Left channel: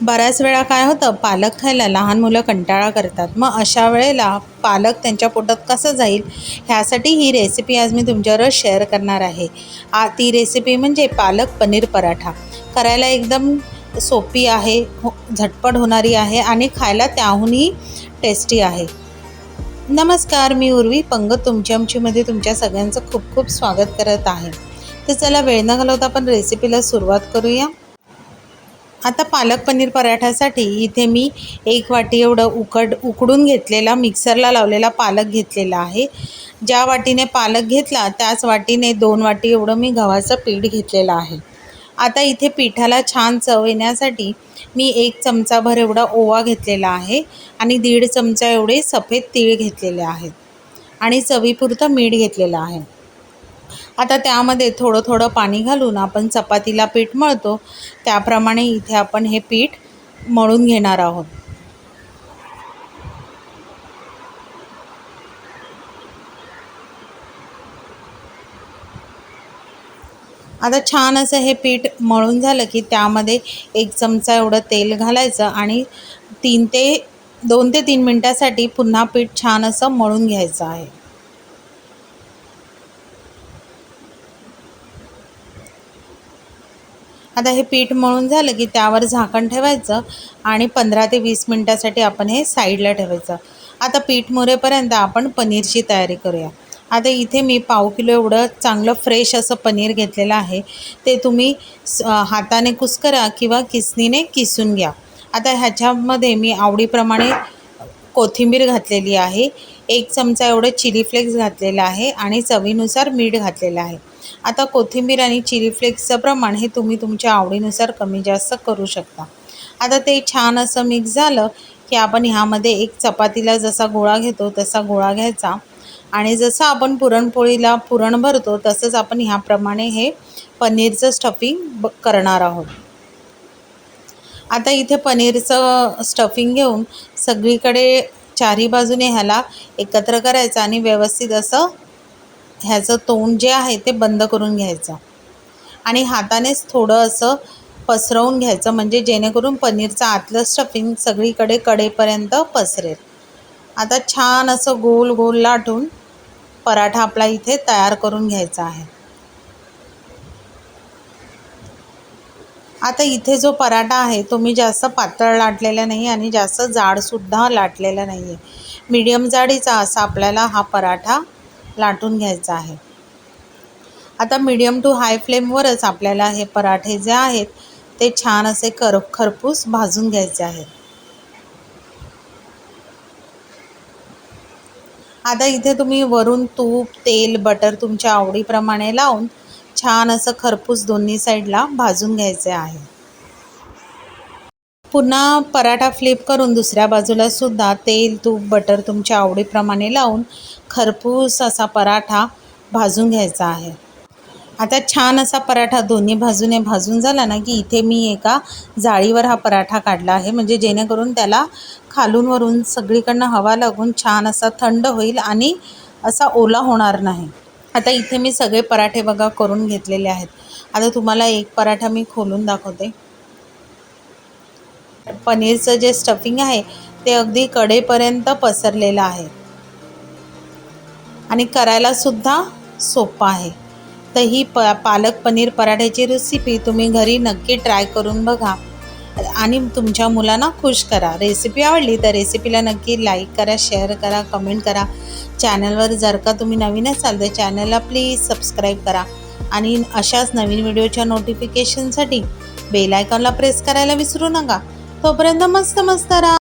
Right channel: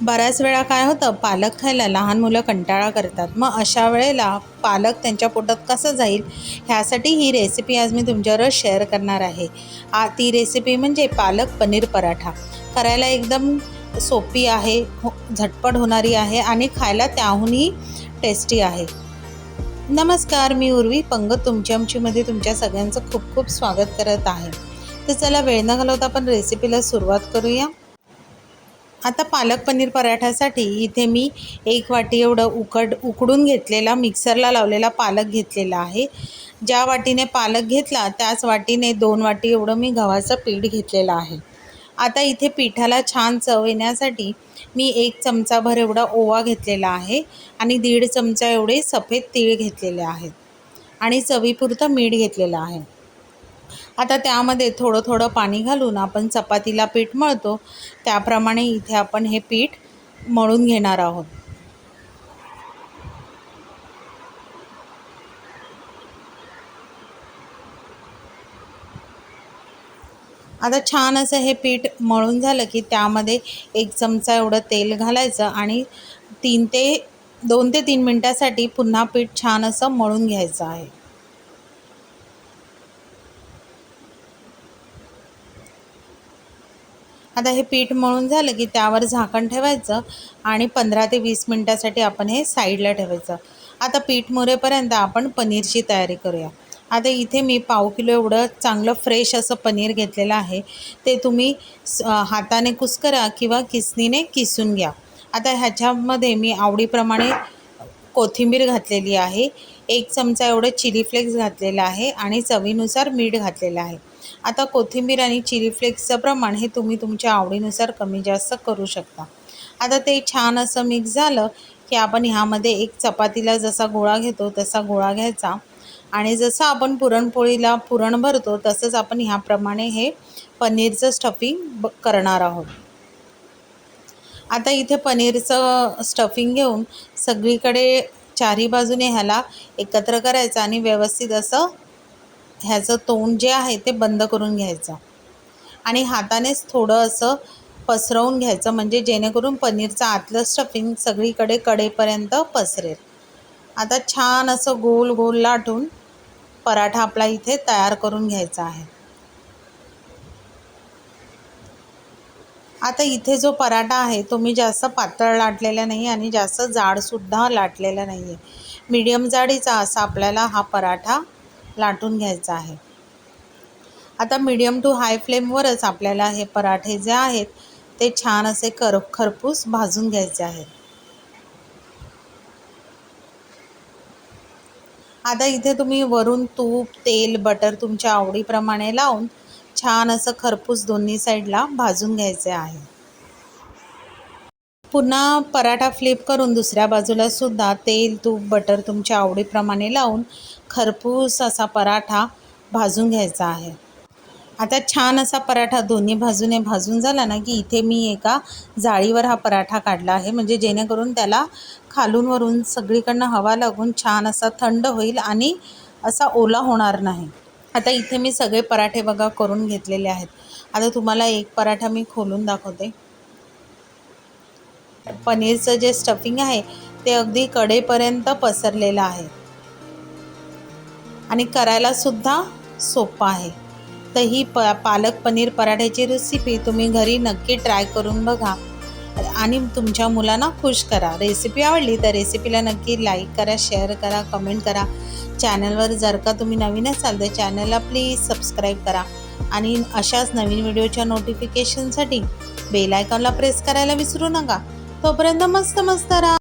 बऱ्याच वेळा काय होतं पालक खायला लहान मुलं कंटाळा करतात. मग अशा वेळेला पालक त्यांच्या पोटात कसं जाईल ह्यासाठी ही रेसिपी आज मी तुमच्यावर शेअर करणार आहे. आ ती रेसिपी म्हणजे पालक पनीर पराठा. करायला एकदम सोपी आहे हो झटपट होणारी आहे आणि खायला त्याहूनही टेस्टी आहे. नमस्कार मी उर्वी पंगत तुमची आमचीमध्ये तुमच्या सगळ्यांचं खूप खूप स्वागत करत आहे. तर चला वेळ न घालवता आपण रेसिपीला सुरुवात करूया. आता पालक पनीर पराठ्यासाठी इथे मी एक वाटी एवढं उकड उकडून घेतलेला मिक्सरला लावलेला पालक घेतलेला आहे. ज्या वाटीने पालक घेतला त्याच वाटीने दोन वाटी एवढं मी गव्हाचं पीठ घेतलेलं आहे. आता इथे पिठाला छान चव येण्यासाठी मी एक चमचाभर एवढा ओवा घेतलेला आहे आणि दीड चमचा एवढे सफेद तीळ घेतलेले आहेत आणि चवीपुरतं मीठ घेतलेलं आहे. आता त्यामध्ये थोडं थोडं पाणी घालून आपण चपातीला पीठ मळतो. त्याप्रमाणे इथे आपण हे पीठ मळून घेणार आहोत. आता छान असं हे पीठ मळून झालं की त्यामध्ये एक चमचा एवढं तेल घालायचं आणि तीन ते दोन ते तीन मिनटासाठी पुन्हा पीठ छान असं मळून घ्यायचं आहे. आता हे पीठ मळून झालं की त्यावर झाकण ठेवायचं आणि पंधरा ते वीस मिनटासाठी आपण हे साईडला ठेवायचं. आता पीठ मुरेपर्यंत आपण पनीरची तयारी करूया. आता इथे मी पाव किलो एवढं चांगलं फ्रेश असं पनीर घेतलेलं आहे. ते तुम्ही हाताने कुस्करा किंवा किसनीने किसून घ्या. आता ह्याच्यामध्ये मी आवडीप्रमाणे कोथिंबीर घातलेली आहे. एक चमचा एवढं चिली फ्लेक्स घातलेलं आहे आणि चवीनुसार मीठ घातलेलं आहे. आता कोथिंबीर आणि चिली फ्लेक्सचं प्रमाण हे तुम्ही तुमच्या आवडीनुसार कमी जास्त करू शकता. आता ते छान असं मिक्स झालं की आपण ह्यामध्ये एक चपातीला जसा गोळा घेतो तसा गोळा घ्यायचा. आणि जसं आपण पुरणपोळीला पुरण भरतो तसंच आपण ह्याप्रमाणे हे पनीरचं स्टफिंग ब करणार आहोत. आता इथे पनीरचं स्टफिंग घेऊन सगळीकडे चारी बाजूने ह्याला एकत्र करायचं आणि व्यवस्थित असं ह्याचं तोंड जे आहे ते बंद करून घ्यायचं. आणि हातानेच थोडं असं पसरवून घ्यायचं म्हणजे जेणेकरून पनीरचं आतलं स्टफिंग सगळीकडे कडेपर्यंत पसरेल. आता छान असं गोल गोल लाटून पराठा आपला इथे तयार करून घ्यायचा आहे. आता इथे जो पराठा आहे तो मी जास्त पातळ लाटलेला नाही आणि जास्त जाडसुद्धा लाटलेला नाही आहे मीडियम जाडीचा असा आपल्याला हा पराठा लाटून घ्यायचा आहे. आता मीडियम टू हाय फ्लेमवरच आपल्याला हे पराठे जे आहेत ते छान असे कर खरपूस भाजून घ्यायचे आहेत. आता इथे तुम्ही वरून तूप तेल बटर तुमच्या आवडीप्रमाणे लावून छान असं खरपूस दोन्ही साईडला भाजून घ्यायचे आहे. पुन्हा पराठा फ्लिप करून दुसऱ्या बाजूला सुद्धा तेल तूप बटर तुमच्या आवडीप्रमाणे लावून खरपूस असा पराठा भाजून घ्यायचा आहे. आता छान असा पराठा दोन्ही बाजूने भाजून झाला ना की इथे मी एका जाळीवर हा पराठा काढला आहे. म्हणजे जेणेकरून त्याला खालून वरून सगळीकडनं हवा लागून छान असा थंड होईल आणि असा ओला होणार नाही. आता इथे मी सगळे पराठे बघा करून घेतलेले आहेत. आता तुम्हाला एक पराठा मी खोलून दाखवते. पनीरचं जे स्टफिंग आहे ते अगदी कडेपर्यंत पसरलेलं आहे. आणि करायला सुद्धा सोपं आहे. तर ही प पालक पनीर पराठ्याची रेसिपी तुम्ही घरी नक्की ट्राय करून बघा. आणि तुमच्या मुलांना खुश करा. रेसिपी आवडली तर रेसिपीला नक्की लाईक करा शेअर करा कमेंट करा. चॅनलवर जर का तुम्ही नवीन असाल तर चॅनलला प्लीज सबस्क्राईब करा. आणि अशाच नवीन व्हिडिओच्या नोटिफिकेशनसाठी बेल आयकॉनला प्रेस करायला विसरू नका. तोपर्यंत मस्त मस्त राहा.